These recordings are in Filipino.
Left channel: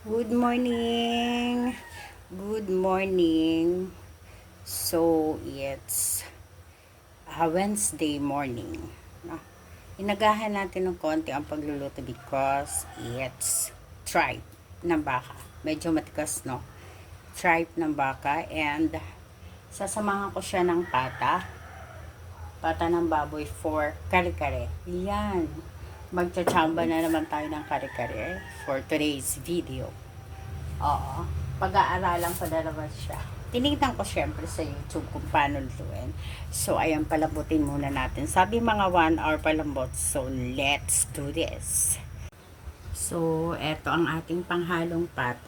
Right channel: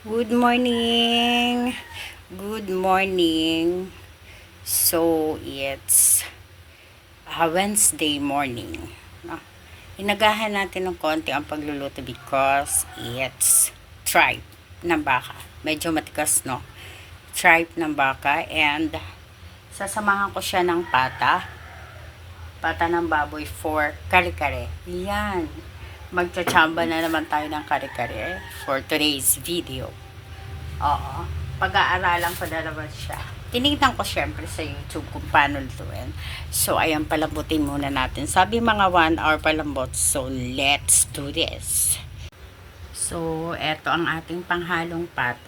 Good morning. Good morning. So, it's Wednesday morning. No? Inagahan natin ng konti ang pagluluto because it's tripe ng baka. Medyo matikas, no? Tripe ng baka and sasamahan ko siya ng pata ng baboy for kare-kare. Yan. Magtsachamba na naman tayo ng kare-kare for today's video. Oo. Pag-aaralan ko na naman siya. Tinignan ko syempre sa YouTube kung paano lutuin. So, ayan, palambutin muna natin. Sabi mga 1 hour palambot. So, let's do this. So, eto ang ating panghalong pata.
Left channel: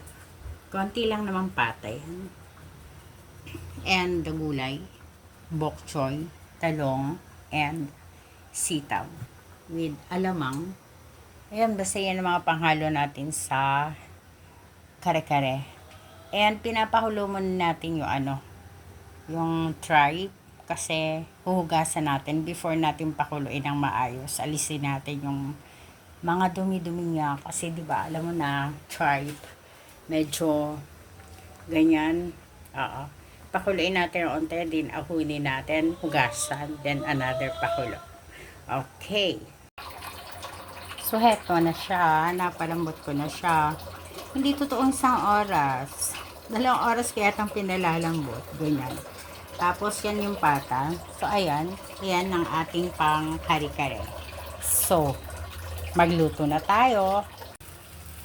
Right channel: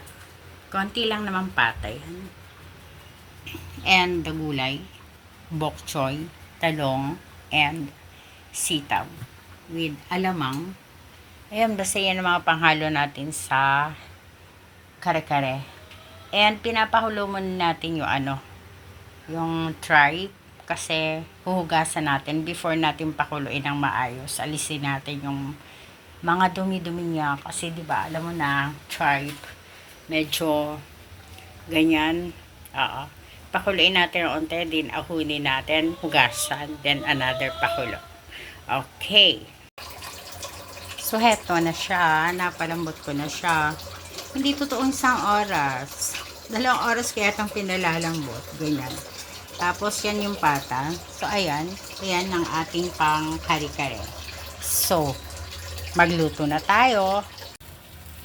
Konti lang naman pata yan. And the gulay, bok choy, talong, and sitaw. With alamang. Ayan, basta yan ang mga panghalo natin sa kare-kare. And pinapahulo muna natin yung tripe kasi huhugasan natin before natin pakuluin ng maayos. Alisin natin yung mga dumi-dumi niya kasi 'di ba, alam mo na tripe medyo ganyan. Oo. Pakuluin natin onte din, ahunin natin, hugasan, then another pakulo. Okay. So heto na siya, napalambot ko na siya. Hindi totoong 1 oras. 2 oras kaya itong pinalalambot. Ganyan. Tapos, yan yung pata. So, ayan. Ayan ang ating pang kare-kare. So, magluto na tayo.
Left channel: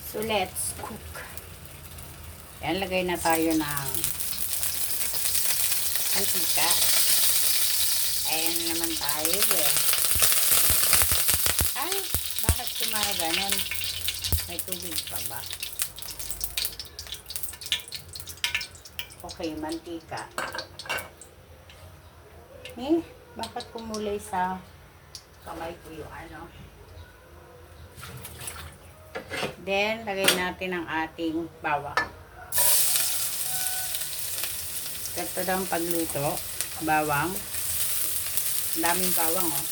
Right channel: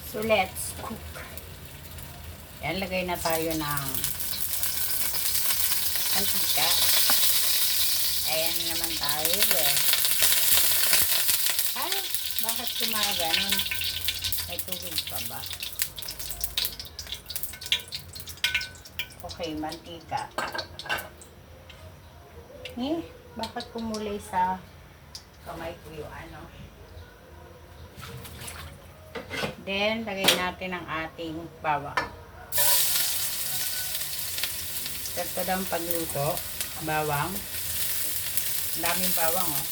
So, let's cook. Ayan, lagay na tayo ng antika. Ayan naman tayo. Ay, bakit kumaganon? May tubig pa ba? Okay, mantika. Bakit kumulay sa kamay ko yung Then, lagay natin ang ating bawang. Ito daw ang pagluto. Bawang. Ang daming bawang, oh.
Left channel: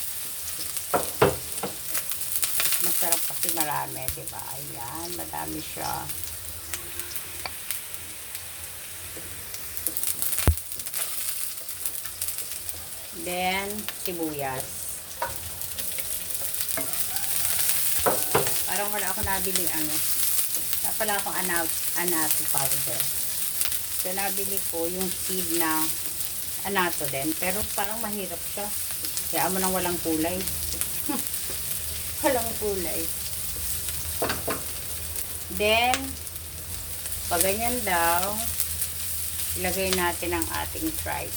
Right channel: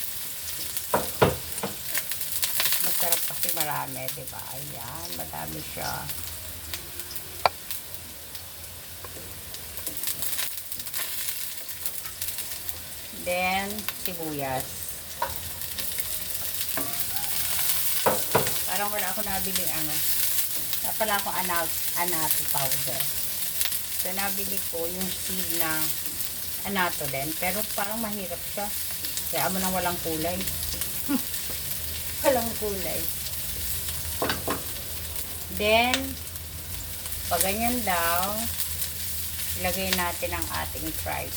Masarap kasi marami, diba? Ayan, madami siya. Then, sibuyas. Parang wala ako nabili wala akong anato powder. So, nabili ko yung seed na anato din. Pero parang mahirap siya. Kaya mo nang walang kulay. Walang kulay. Then, pag ganyan daw, ilagay natin ang ating tripe.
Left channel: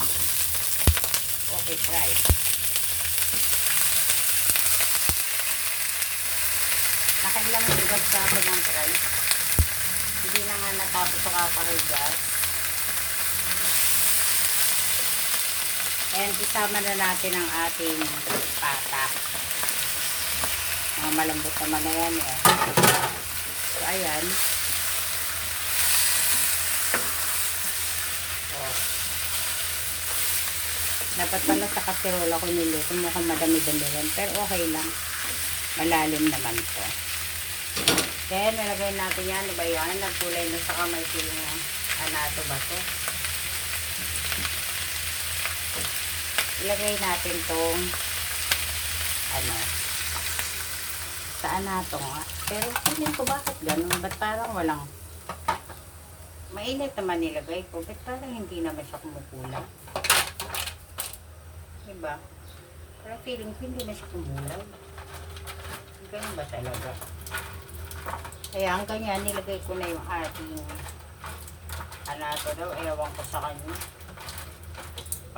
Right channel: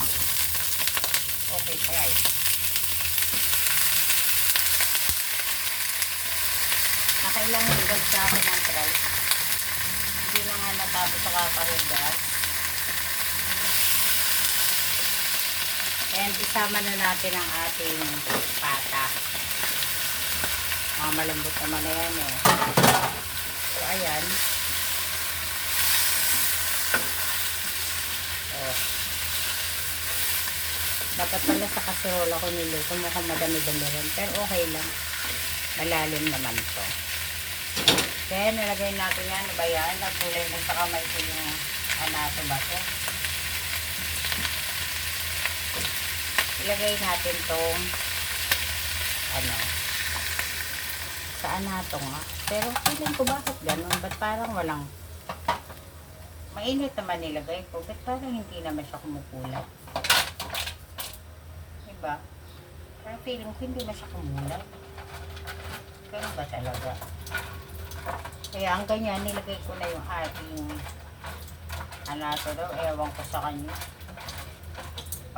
Okay, tripe. Nakailang hugas sa akin ng tripe. Hindi na nga natapos sa kakahugas. And isama na natin ang ating pata. Mga malambot naman na yan, eh. So, ayan. Dapat pala sa kaserola ko niluto niya kung madami-dami rin. Pero okay lang. Malalim naman ito. Then, nalagay natin yan. Iba yan. Nagkulay na sa kamay ko yung anato ba ito. Ilagay natin itong sa anato nga. Pero feeling ko bakit ganun? Ba't parang walang mainit naman nilagay ko. Ba't parang hindi naman siya kumukulay? Diba? Pero feeling ko hindi na siya kumulay. Ganun ba talaga? Kaya ang ganyan, nilagay ko na yung ating anato daw. Ewan ko sa kanya.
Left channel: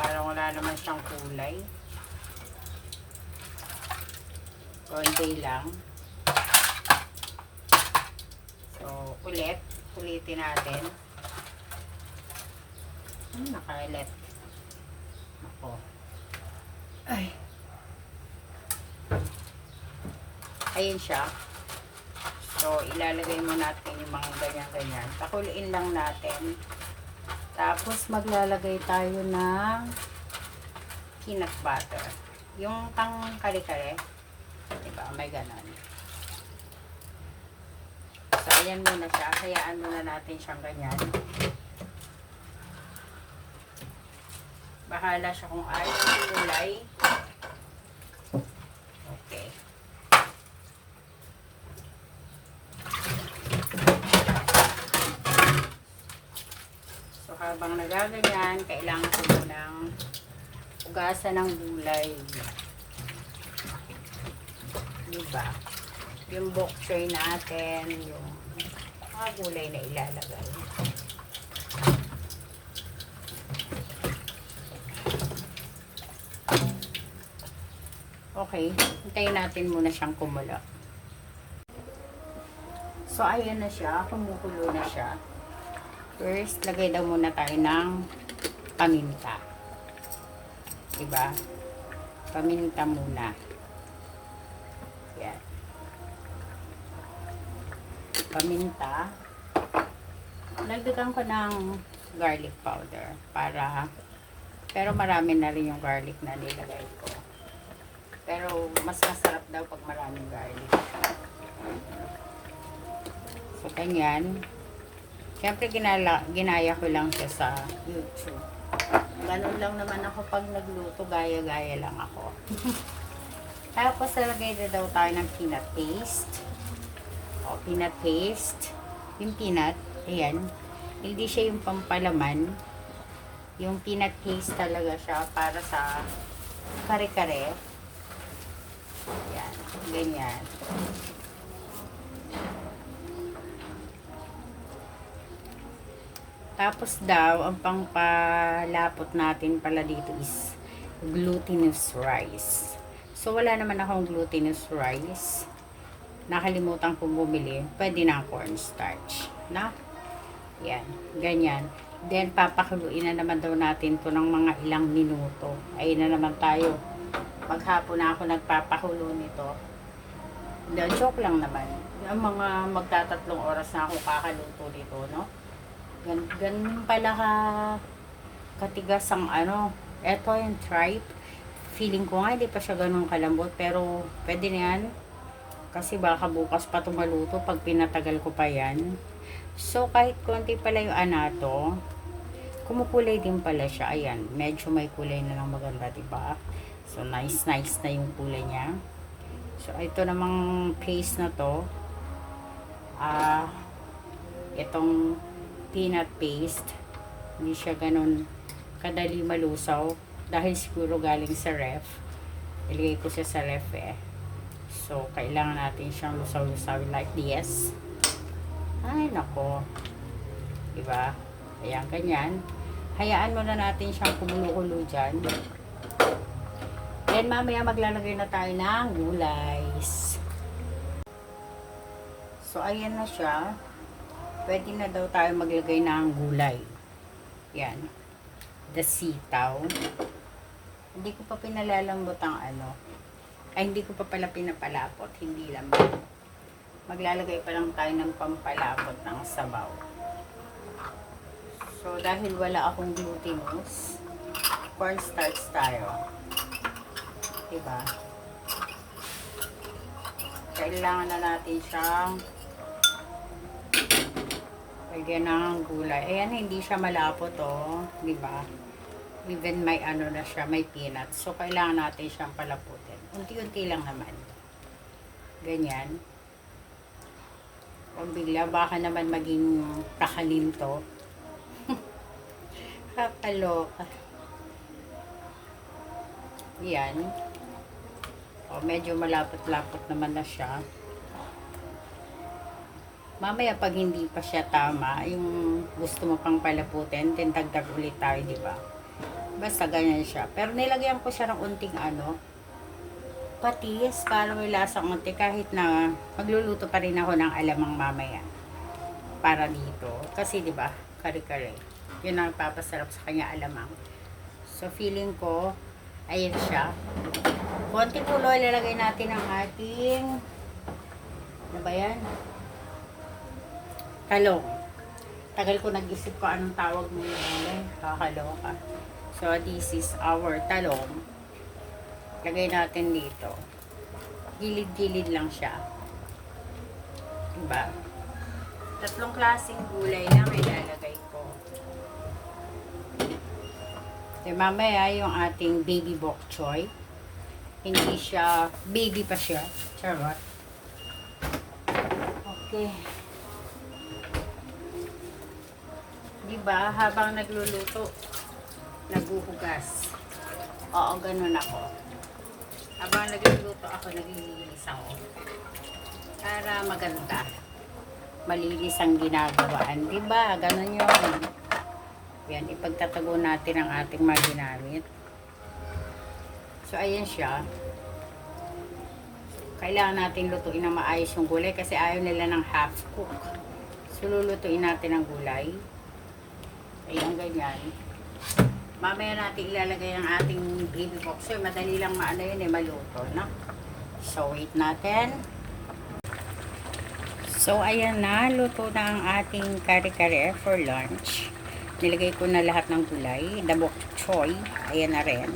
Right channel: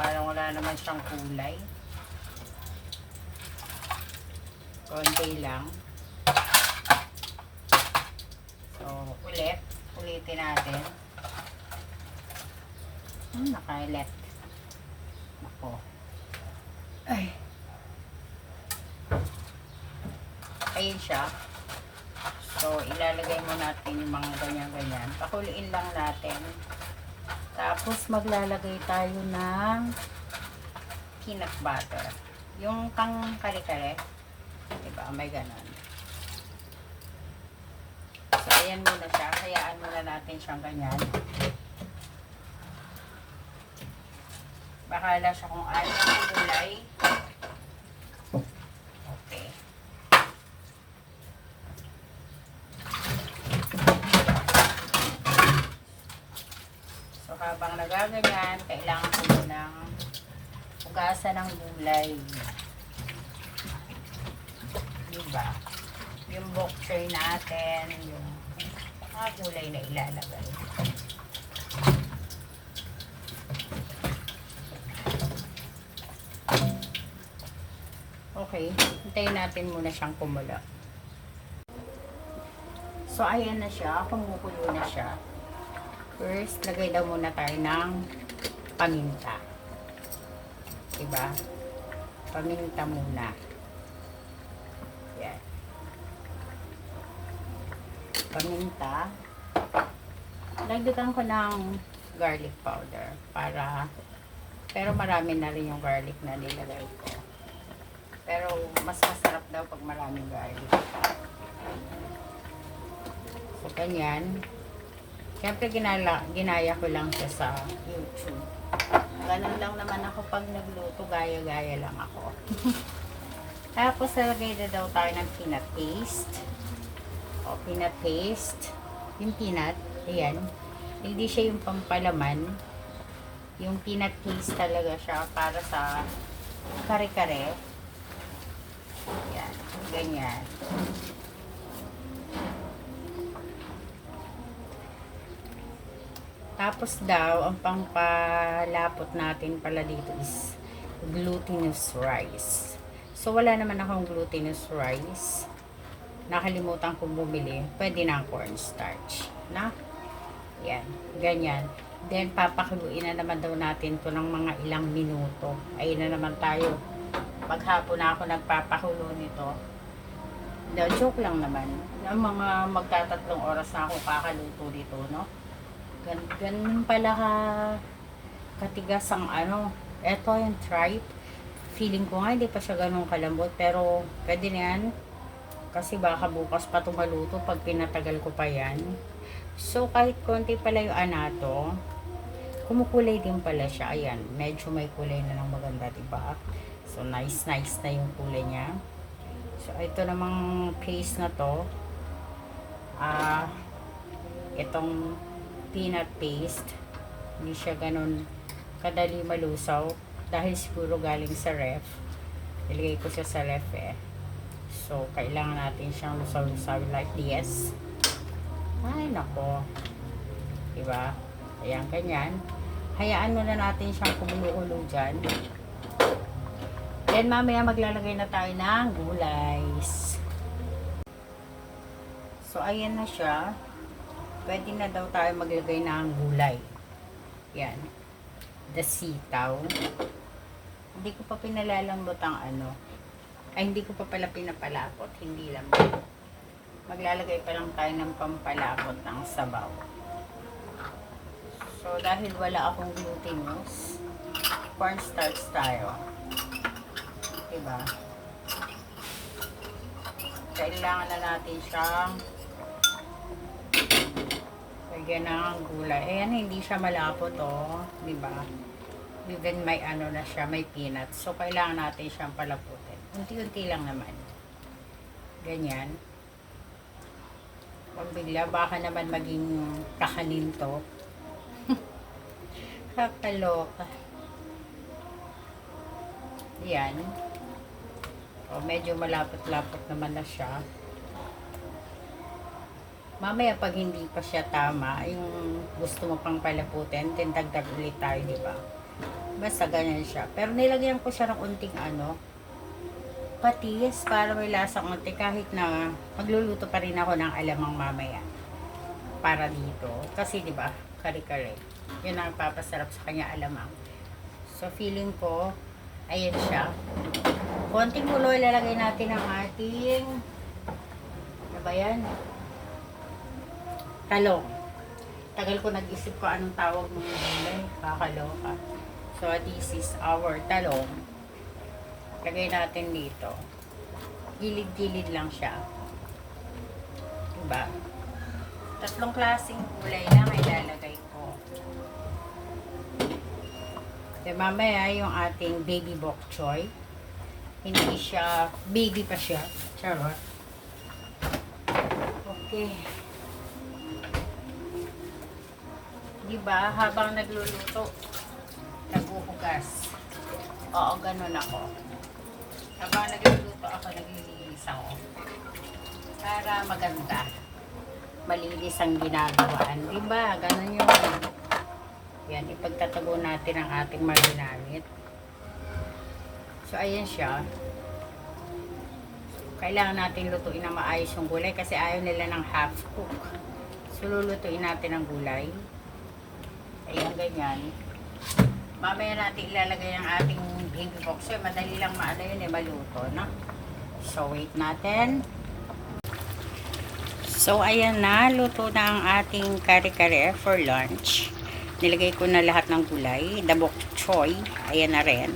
Parang wala naman siyang kulay. Konti lang. So, ulitin natin. Nakailit. Ako. Ay. Ayan siya. So, ilalagay mo natin yung mga ganyan-ganyan. Pakuliin lang natin. Tapos, maglalagay tayo ng peanut butter. Yung pang kare-kare. Diba? May ganon. So, ayan muna siya. Hayaan muna natin siyang ganyan. Bahala siya kung ayaw ng gulay. Okay. So, habang nagaganyan, kailangan ko ng ugasan ng gulay. Diba? Yung bok choy natin, yung mga gulay na ilalagay. Okay, hintayin natin muna siyang kumulo. So, ayan na siya. Kumukulo na siya. First, lagay daw muna tayo ng paminta. Diba? Paminta muna. Yan. Paminta. Lagdagan ko ng garlic powder para, pero marami na rin yung garlic na nilagay ko. Pero mas masarap daw pag maraming garlic. So, ganyan. Siyempre, ginaya ko lang siya sa YouTube. Ganun lang naman ako pag nagluto. Gaya-gaya lang ako. Tapos, lagay na daw tayo ng peanut paste. O, peanut paste. Yung peanut, ayan. Hindi siya yung pampalaman. Yung peanut paste talaga siya para sa kare-kare. Yan, ganyan. Tapos daw, ang pangpalapot natin pala dito is glutinous rice. So, wala naman akong glutinous rice. Nakalimutan kong bumili. Pwede na cornstarch. Na? Yan, ganyan. Then, papakuluin na naman daw natin to ng mga ilang minuto. Ayun na naman tayo. Maghapon na ako nagpapakulo nito. No, joke lang naman. Ang mga magtatatlong oras na ako kakaluto dito, no? Ganun pala katigas ang ano. Eto yung tripe. Feeling ko nga hindi pa siya ganun kalambot. Pero pwede na yan. Kasi baka bukas pa tumaluto pag pinatagal ko pa yan. So kahit konti pala yung anato, kumukulay din pala siya. Ayan, medyo may kulay na ng maganda, diba? So, nice na yung kulay niya. So, ito namang paste na to. Itong peanut paste. Hindi siya ganun kadali malusaw. Dahil siguro galing sa ref. Ilagay ko siya sa ref eh. So, kailangan natin siyang lusaw-lusaw like this. Ay, nako. Diba? Ayan, ganyan. Hayaan mo na natin siyang kumukulo dyan. Then mamaya maglalagay na tayo ng gulays. So ayan na siya. Pwede na daw tayo maglagay ng gulay. Yan. The sitaw. Hindi ko pa pinalalambot ang ano. Ay hindi ko pa pala pinapalapot. Hindi lang. Maglalagay pa lang tayo ng pampalapot ng sabaw. So dahil wala akong glutinous, cornstarch tayo. Diba? Kailangan na natin siyang lagyan ng gulay. Ayan, hindi siya malapot oh. Diba? Even may ano na siya, may peanuts. So, kailangan natin siyang palaputin. Unti-unti lang naman. Ganyan. Kung bigla, baka naman maging kakalim to. Kakaloka. Yan. O, medyo malapot-lapot naman na siya. Mamaya pag hindi pa siya tama, yung gusto mo pang palaputin, then dagdag ulit tayo, di ba? Basta ganyan siya. Pero nilagyan ko siya ng unting ano, patis para may lasang unti kahit na magluluto pa rin ako ng alamang mamaya. Para dito. Kasi di ba, kare-kare. Yun ang papasarap sa kanya alamang. So feeling ko, ayan siya. Konting ulo ilalagay natin ang ating ano ba yan? Talong. Tagal ko nag-isip ko anong tawag mo yun. Kakaloka. So this is our talong. Lagay natin dito. Gilid-gilid lang siya. Diba? Tatlong klaseng gulay na may lalagay ko. So, mamaya yung ating baby bok choy. Hindi siya, baby pa siya. Charot. Okay. Diba, habang nagluluto, naguhugas. Oo, ganun ako. Habang nagluluto ako, naglilinis ako. Para maganda. Malinis ang ginagawaan. Diba? Ganun yun. Yan, ipagtatago natin ang ating mga ginamit. So, ayan siya. Kailangan natin lutuin na maayos yung gulay kasi ayaw nila ng half cook. So, lulutuin natin ang gulay. Ayan, ganyan. Mamaya natin ilalagay ang ating baby bok choy. Madali lang maano yun maluto, no? So, wait natin. So, ayan na. Luto na ang ating kare-kare for lunch. Nilagay ko na lahat ng gulay. The bok choy. Ayan na rin.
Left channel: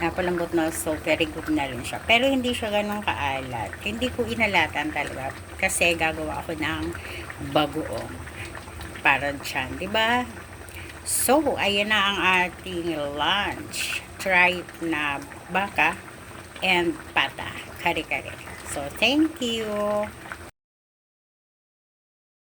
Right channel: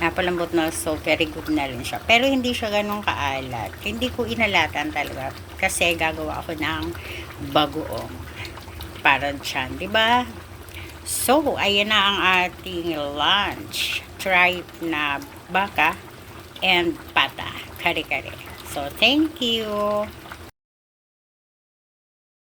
Napalambot na. So, very good na rin siya. Pero hindi siya ganun kaalat. Hindi ko inalatan talaga. Kasi gagawa ako ng bagoong. Para dyan. Diba? So, ayan na ang ating lunch. Tripe na baka and pata. Kare-kare. So, thank you.